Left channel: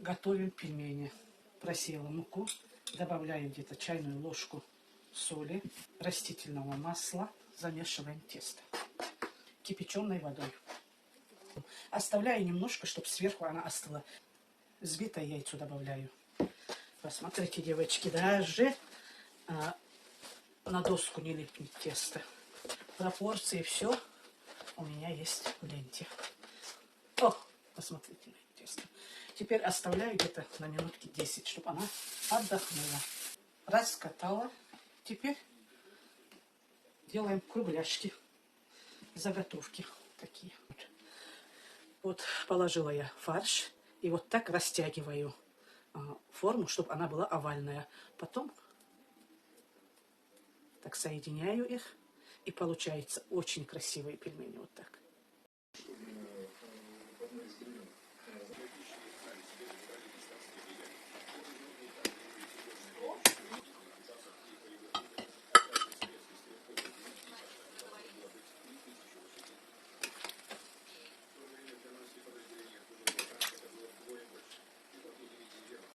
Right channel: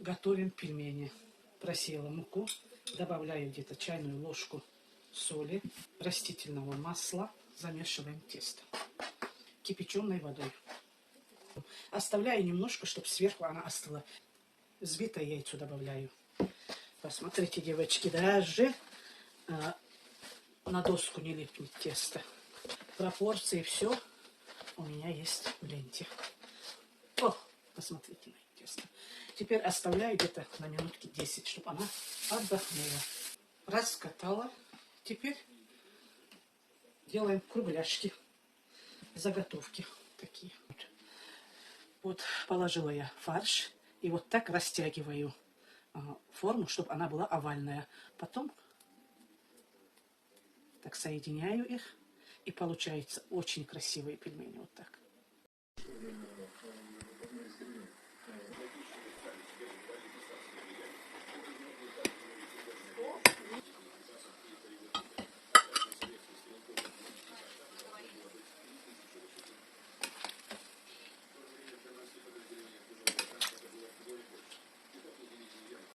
Готовим пельмени. Просеяла муку, добавляю где-то чайную ложку соли, растительного масла, замешиваем тесто кипяченой водой. Оставляю немножко, чтобы сверху она остыла. Взбитое яйцо добавляю. Посмотрите, девочки, даже на доску не липнет тесто. Пропорции все у меня есть в ленте. О, посмотрите на тесто. Теперь оставляю где-то на минутки 10, чтобы она отдохнула. Раскатала. Теперь делаем кругляшки. Заготовки такие. Вот положила я фарш. И вот так растягиваю форму, чтобы она была овальная. Потом так соединяю их. И получается очень красивые пельмени. Вот так.